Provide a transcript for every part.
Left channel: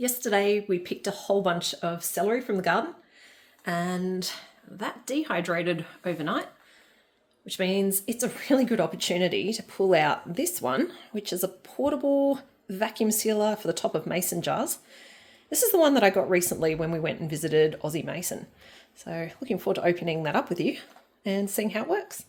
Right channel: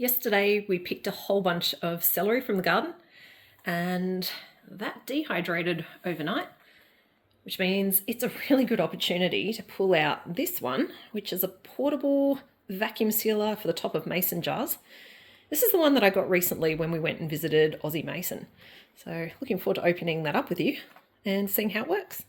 Yesterday we picked a whole bunch of celery from the garden and that dehydrated overnight, which means it's a really good opportunity to pull out this one, which is a portable vacuum sealer for the top of mason jars. This is the one that I got recently when we went and visited Aussie Mason. So looking forward to opening that up with you and seeing how it works.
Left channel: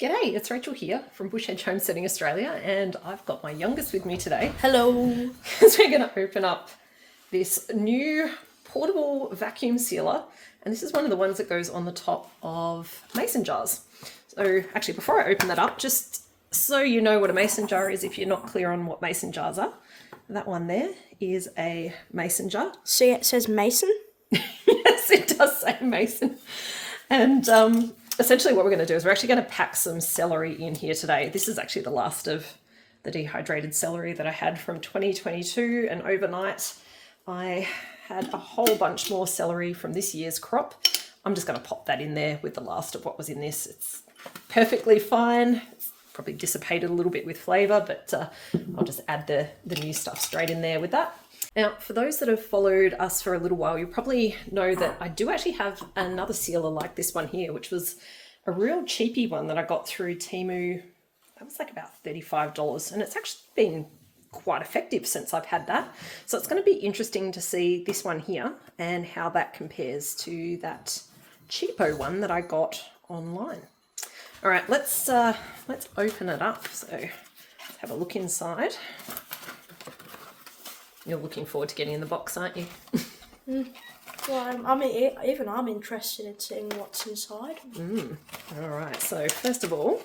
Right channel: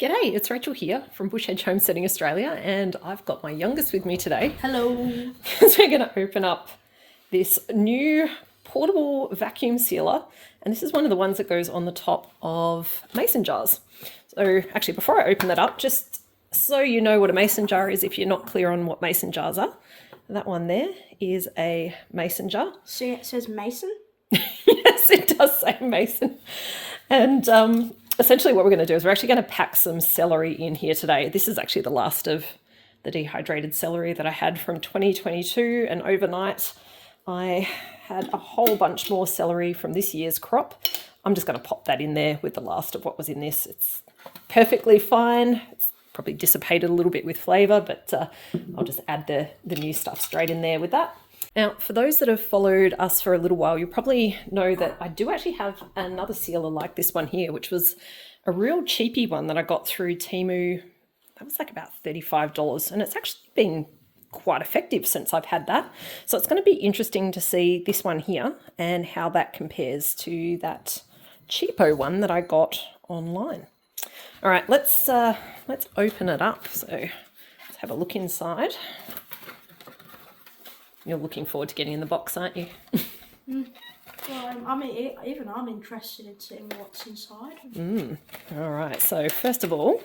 G'day, it's Rachel here from Bush Edge Homesteading Australia, and I've got my youngest with me today. Hello. Because we're going to open up this new portable vacuum sealer, and this is one of the ones that goes on the top of mason jars. So actually, before I open that up, just so you know what a mason jar is, if you're not clear on what mason jars are, that one there is a mason jar. See, it says mason? Yes, it does say mason. And essentially what we're going to do is we're actually going to pack some celery in here today. This is actually the last of the dehydrated celery that I had from 2022, and overnight I had a whole bunch more celery from this year's crop. I'm just going to pop that in there with the last of what was in this. It's perfectly fine. It's probably dissipated a little bit with flavour, but I'll just add the new stuff straight in there with that. Now, for those that have followed us for a little while, you probably know that I do actually have another sealer like this one here, which was a real cheapy one that I got through Temu. That was like about $35, and it's actually been quite effective since I've had that. So it's going to be interesting to see this one here and how that compares to that cheapo one that I got online. All right, let's open it up. So let's have a look inside. You're looking forward to getting in the box, aren't you? Well, I mean, even I'm interested in seeing what's inside. All right, so first of all,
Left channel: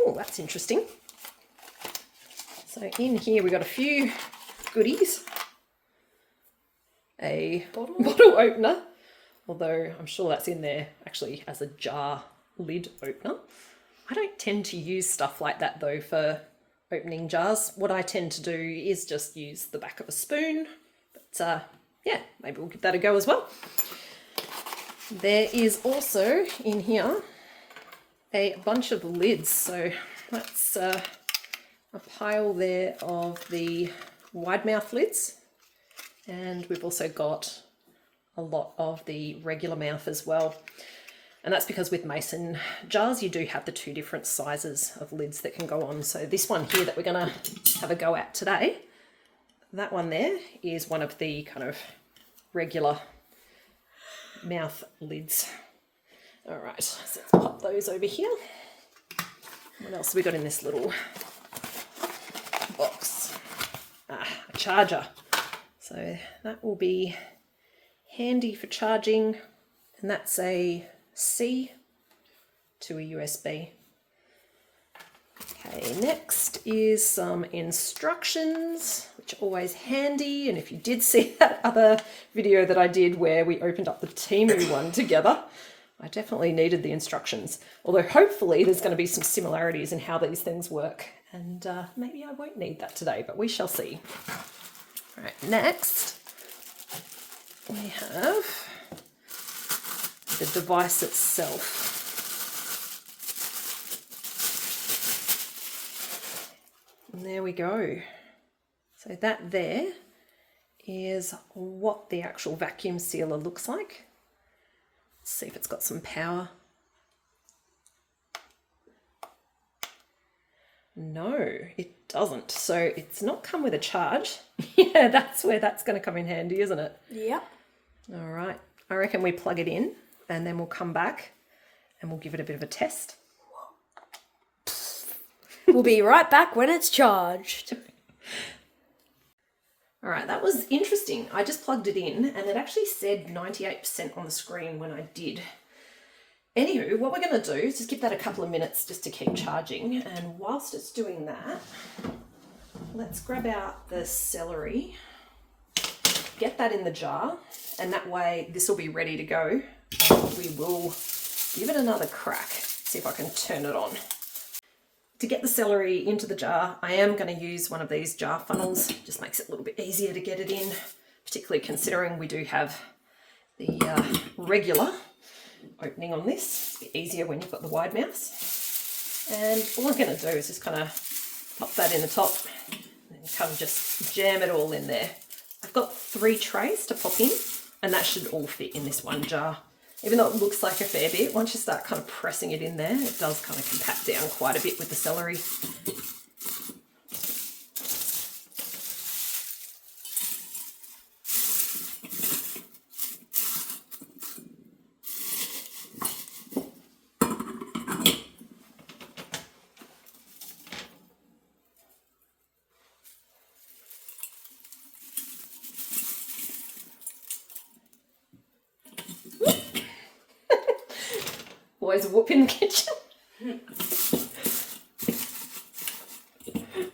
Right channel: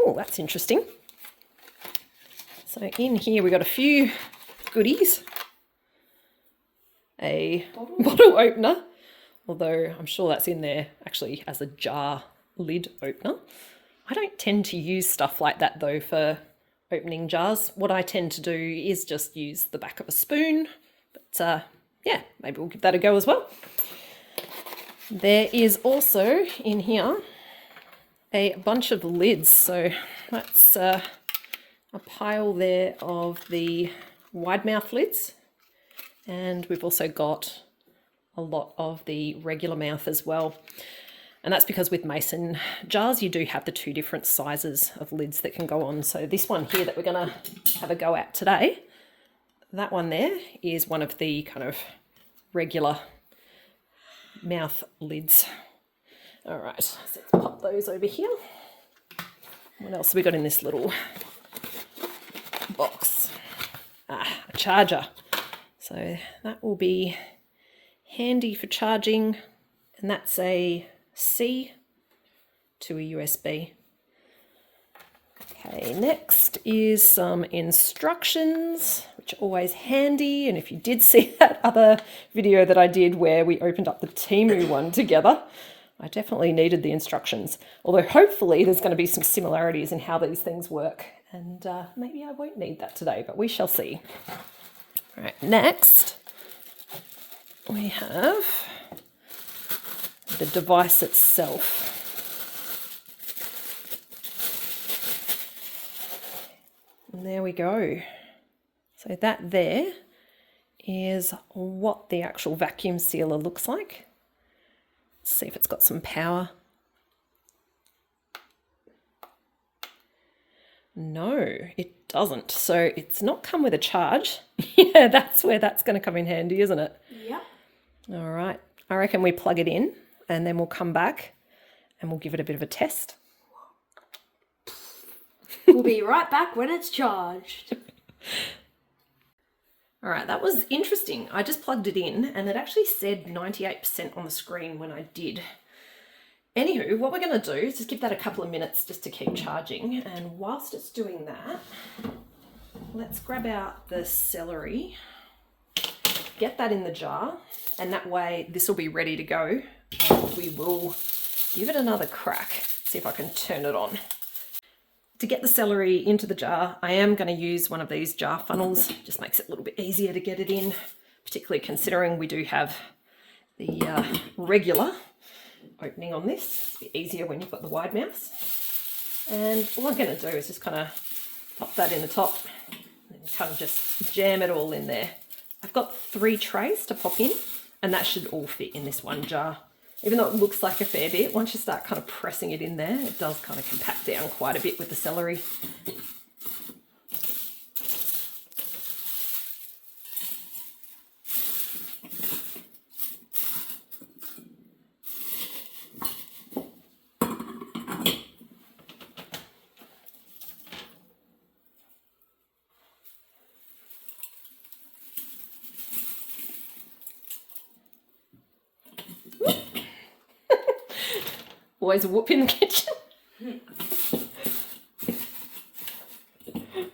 oh, that's interesting. So in here we got a few goodies. A bottle opener, although I'm sure that's in there actually as a jar lid opener. I don't tend to use stuff like that though for opening jars. What I tend to do is just use the back of a spoon, but yeah, maybe we'll give that a go as well. There is also in here a bunch of lids, so that's a pile there of the wide mouth lids, and we've also got a lot of the regular mouth as well. And that's because with mason jars, you do have the two different sizes of lids that can go on. So this one here that we're going to have a go at today, that one there is one of the kind of regular mouth lids. All right, so let's pop those over here. What else have we got in this little box? A charger. So that will be handy for charging, and that's a C to a USB. Okay, next is some instructions, which are always handy. And if you did see that other video that I did where we opened up the Temu one together, I definitely needed the instructions. Although hopefully there's going to be some similarities in how these things work. And maybe I won't need that today, but we shall see. All right, next we have the device itself. And there we go. So that there is what the actual vacuum sealer looks like. Let's see if it's got some power. No, it doesn't. So it's not come with a charge. Yeah, that's where that's going to come in handy, isn't it? Yep. All right. I reckon we plug it in and then we'll come back and we'll give it a bit of a test. We'll be right back when it's charged. All right, that was interesting. I just plugged it in and it actually said 98% on the screen when I did. Anywho, what we're going to do is just give that a couple of minutes just to keep charging. And whilst it's doing that, let's grab out the celery, get that in the jar, and that way this will be ready to go. And we will give it another crack, see if I can turn it on. To get the celery into the jar, I am going to use one of these jar funnels. Just makes it a little bit easier to get it in, particularly considering we do have the regular opening on this. It's a bit easier when you've got the wide mouths. And all I'm going to do is just kind of pop that in the top and kind of just jam it all in there. I've got 3 trays to pop in, and that should all fit in this one jar. Even though it looks like a fair bit, once you start kind of pressing it in there, it does kind of compact down quite a bit with the celery. Always a whoop in the kitchen.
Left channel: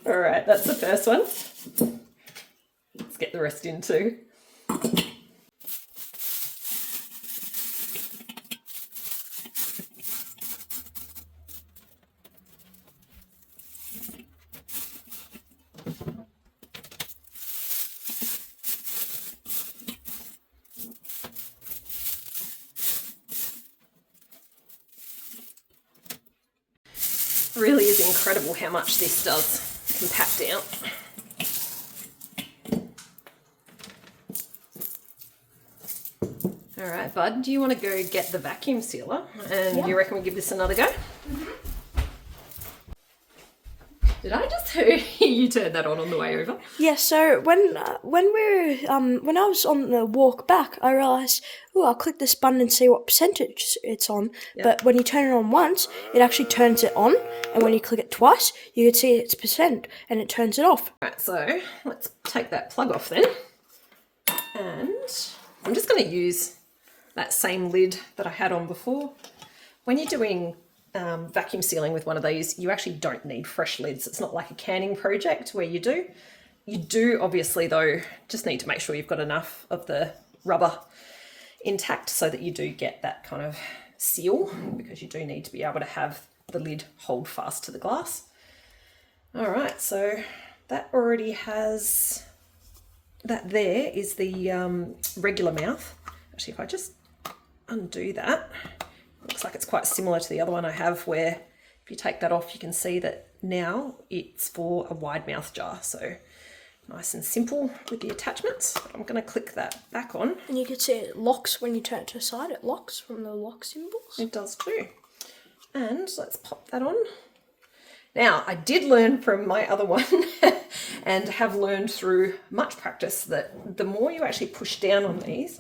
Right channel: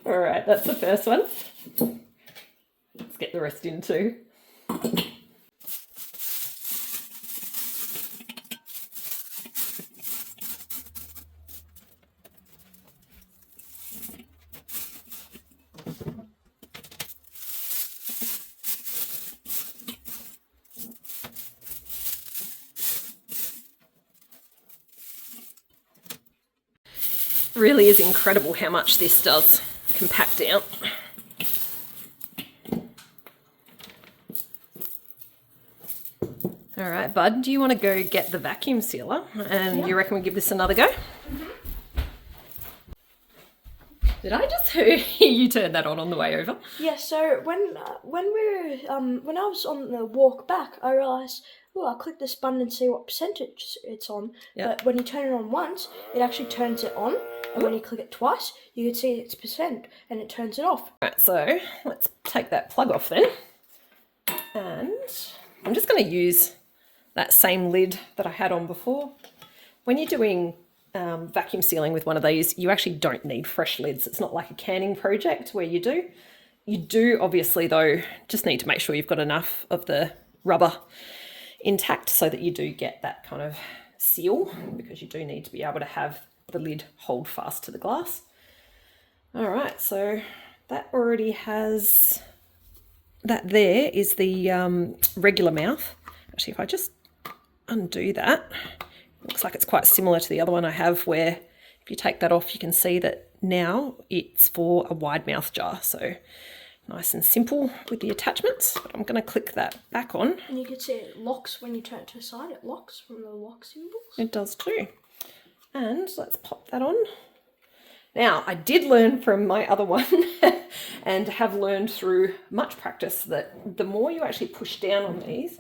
All right, that's the first one. Let's get the rest in too. Really is incredible how much this does compact down. All right, bud, do you want to go get the vacuum sealer? And you reckon we give this another go? Mm-hmm. Did I just hear you turn that on the way over? Yeah. So when I was on the walk back, I realised, oh, I'll click this button and see what percentage it's on. Yep. But when you turn it on once, it actually turns it on, and when you click it twice, you can see its percent, and it turns it off. Right. So let's take that plug off then, and I'm just going to use that same lid that I had on before. When you're doing vacuum sealing with one of these, you actually don't need fresh lids. It's not like a canning project where you do. You do obviously though just need to make sure you've got enough of the rubber intact so that you do get that kind of seal, because you do need to be able to have the lid hold fast to the glass. All right, so that already has, that there is the regular mouth. Actually, if I just undo that, looks like it's quite similar to the other one I have, where if you take that off, you can see that now it's for a wide mouth jar. So nice and simple with the attachments. I'm going to click that back on. And you can see it locks when you turn it to the side. It locks from the lock symbols. It does too. And let's pop that on. Now, I did learn from my other one and have learned through much practice that the more you actually push down on these,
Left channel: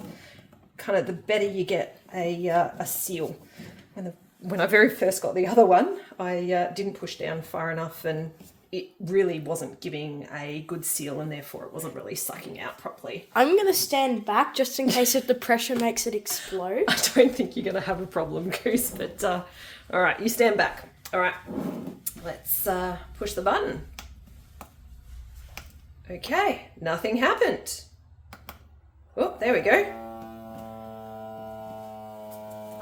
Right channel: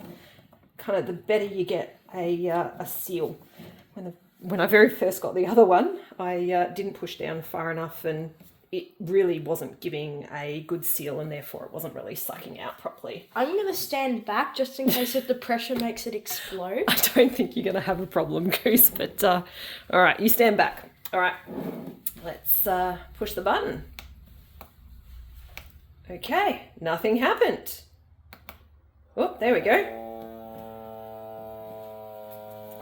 kind of the better you get a seal. When I very first got the other one, I didn't push down far enough, and it really wasn't giving a good seal, and therefore it wasn't really sucking out properly. I'm going to stand back just in case if the pressure makes it explode. I don't think you're going to have a problem, Goose, but all right, you stand back. All right, let's push the button. Okay, nothing happened. Oh, there we go.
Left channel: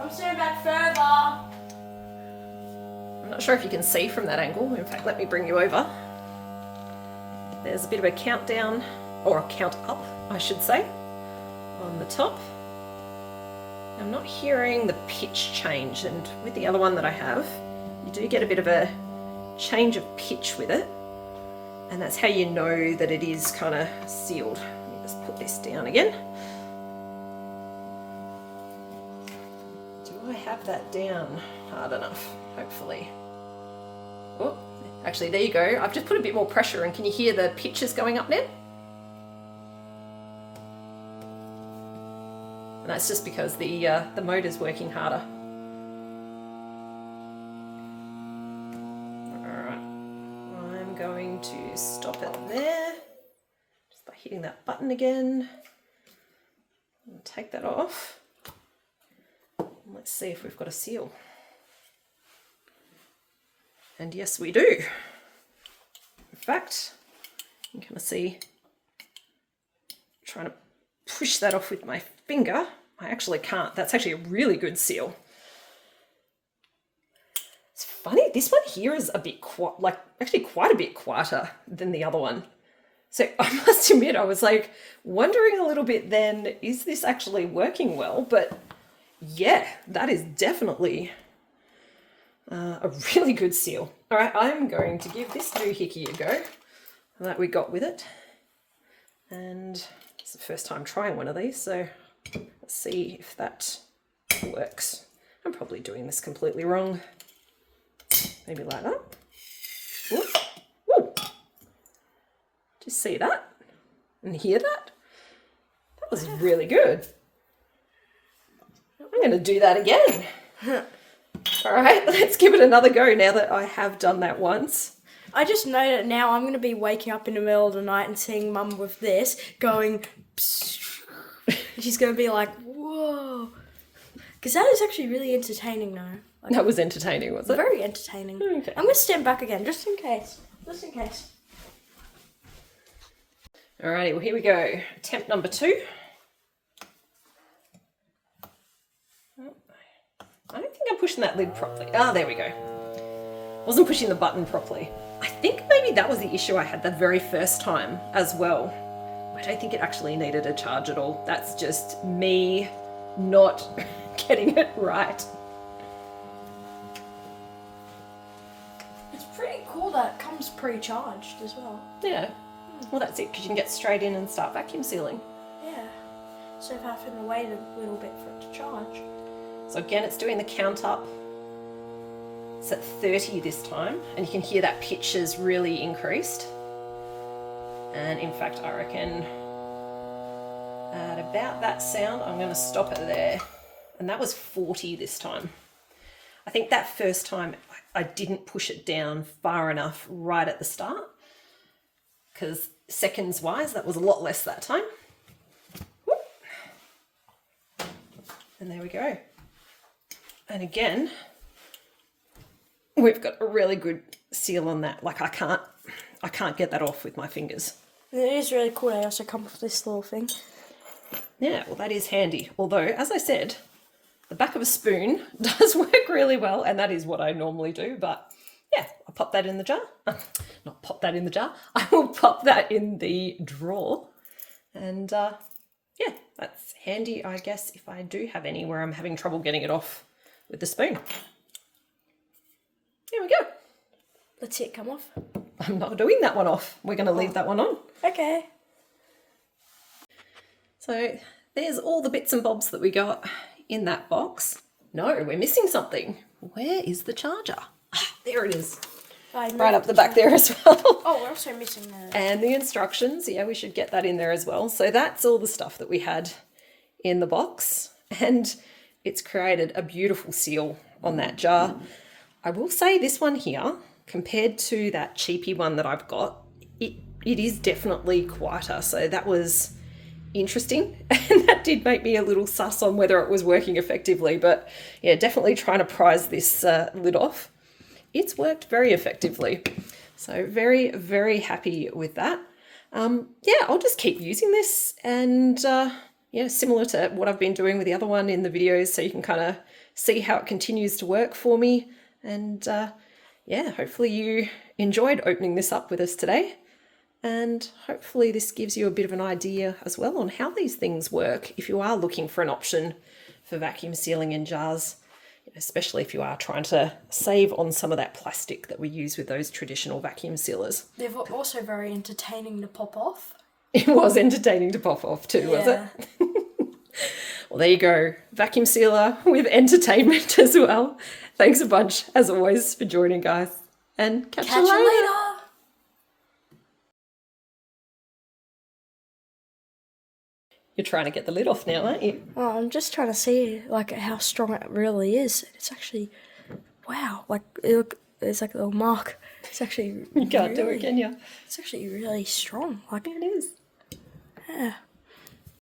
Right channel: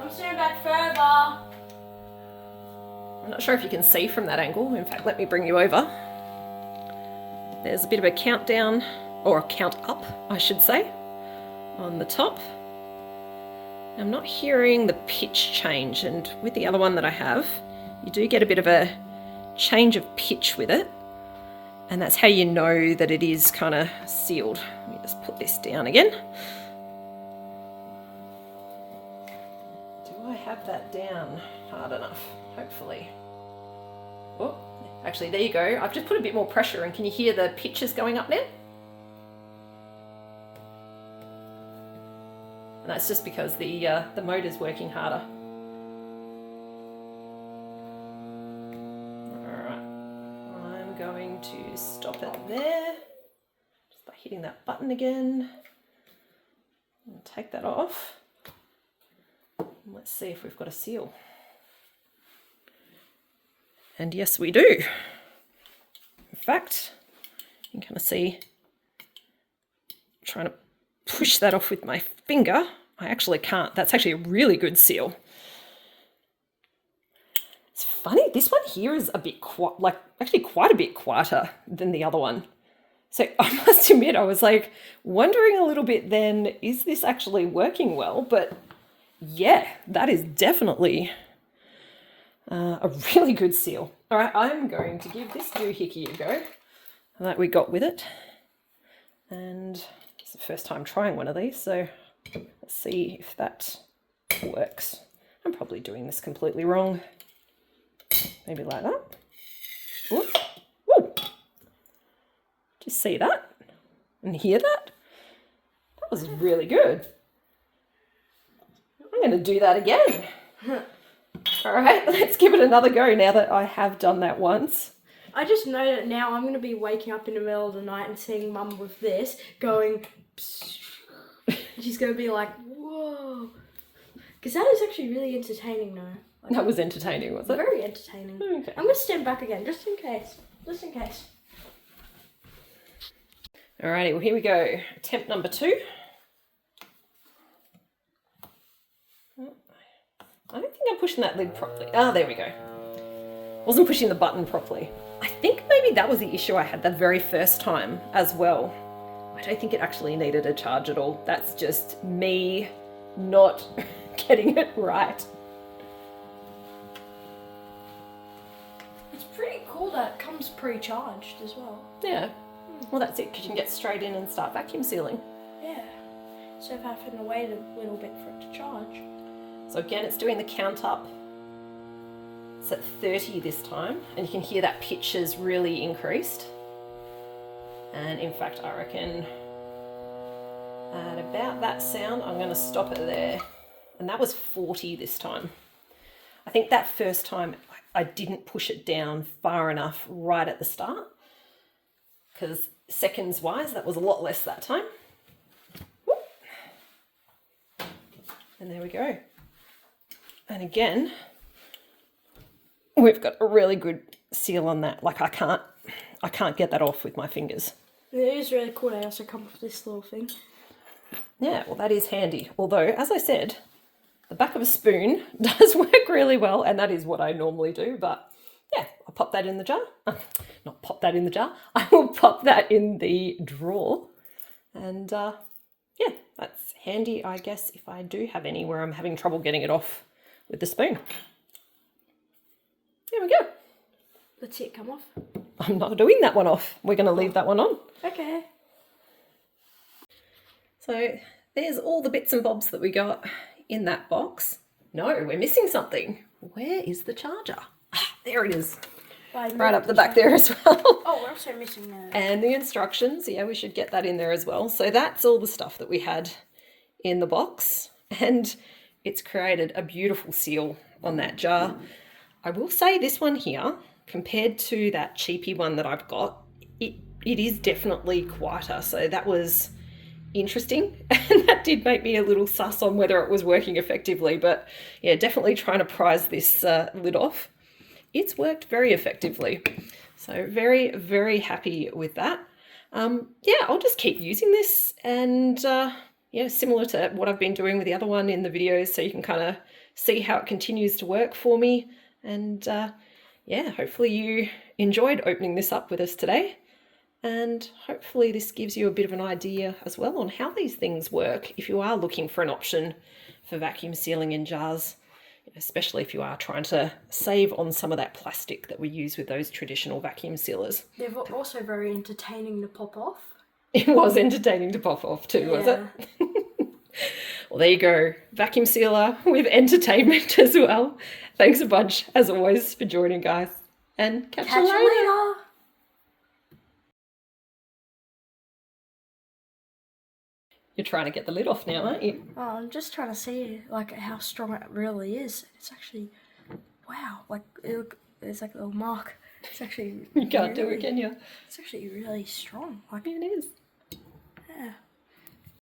I'm standing back further. I'm not sure if you can see from that angle. In fact, let me bring you over. There's a bit of a countdown, or a count up, I should say, on the top. I'm not hearing the pitch change, and with the other one that I have, you do get a bit of a change of pitch with it, and that's how you know that it is kind of sealed. Let me just put this down again. Do I have that down hard enough? Hopefully. Oh, actually, there you go. I've just put a bit more pressure, and can you hear the pitches going up now? And that's just because the motor's working harder. Alright, I'm going to stop it there. Just by hitting that button again. And take that off. Let's see if we've got a seal. And yes, we do. In fact, you can kind of see, trying to push that off with my finger. I actually can't. That's actually a really good seal. It's funny, this one here is a bit actually quite a bit quieter than the other one. So I must admit, I was like wondering a little bit then, is this actually working well? But yeah, that is definitely a really good seal. All right, I'm going to give this doohickey a go that we got with it. And it's the first time trying one of these, so let's see if that works. I'm probably doing this completely wrong. Maybe like that. Whoop. Woo. Did you see that? And hear that? That was really good. I'm going to do that again. All right, let's give it another go now that I have done that once. I just know that now I'm going to be waking up in the middle of the night and seeing Mum with this going, she's going to be like, whoa. Because that is actually really entertaining though. Like, That was entertaining, was it? very entertaining. Okay. I'm going to stand back again, just in case. Just in case. Alrighty, well here we go. Attempt number 2. I don't think I'm pushing that lid properly. Ah, there we go. Wasn't pushing the button properly. I think maybe that was the issue I had the very first time as well. I don't think it actually needed a charge at all. That's just me not getting it right. It's pretty cool that it comes pre-charged as well. Yeah. Well, that's it, because you can get straight in and start vacuum sealing. Yeah. So if I have to wait a little bit for it to charge. So again, it's doing the count up. It's at 30 this time, and you can hear that pitch has really increased. And in fact, I reckon at about that sound, I'm going to stop it there. And that was 40 this time. I think that first time I didn't push it down far enough right at the start, because seconds wise, that was a lot less that time. Whoop. And there we go. And again, we've got a really good seal on that. Like I can't get that off with my fingers. It is really cool. I also come with this little thing. Yeah, well, that is handy. Although, as I said, the back of a spoon does work really well, and that is what I normally do. But yeah, I'll pop that in the jar. Not pop that in the jar. I will pop that in the drawer. And yeah, that's handy, I guess, if I do have any where I'm having trouble getting it off with the spoon. There we go. Let's see it come off. I'm not doing that one off. We're going to leave that one on. Okay. So there's all the bits and bobs that we got in that box. No, we're missing something. Where is the charger? Ah, there it is. Right up the back there as well. Oh, we're also missing that. And the instructions. Yeah, we should get that in there as well. So that's all the stuff that we had in the box. And it's created a beautiful seal on that jar. I will say this one here, compared to that cheapy one that I've got, it is definitely quieter. So that was interesting. And that did make me a little sus on whether it was working effectively. But yeah, definitely trying to prise this lid off. It's worked very effectively. So very, very happy with that. Yeah, I'll just keep using this and yeah, similar to what I've been doing with the other one in the videos, so you can kind of see how it continues to work for me. And yeah, hopefully you enjoyed opening this up with us today. And hopefully this gives you a bit of an idea as well on how these things work if you are looking for an option for vacuum sealing in jars, especially if you are trying to save on some of that plastic that we use with those traditional vacuum sealers. They're also very entertaining to pop off. It was entertaining to pop off too, was it? Well, there you go. Vacuum sealer with entertainment as well. Thanks a bunch, as always, for joining, guys. And catch you later. You're trying to get the lid off now, aren't you? Oh, I'm just trying to see like how strong it really is. It's actually, wow, like it's like a little mark. It's actually You can't do it, can you? It's actually really strong. Like it is. Yeah.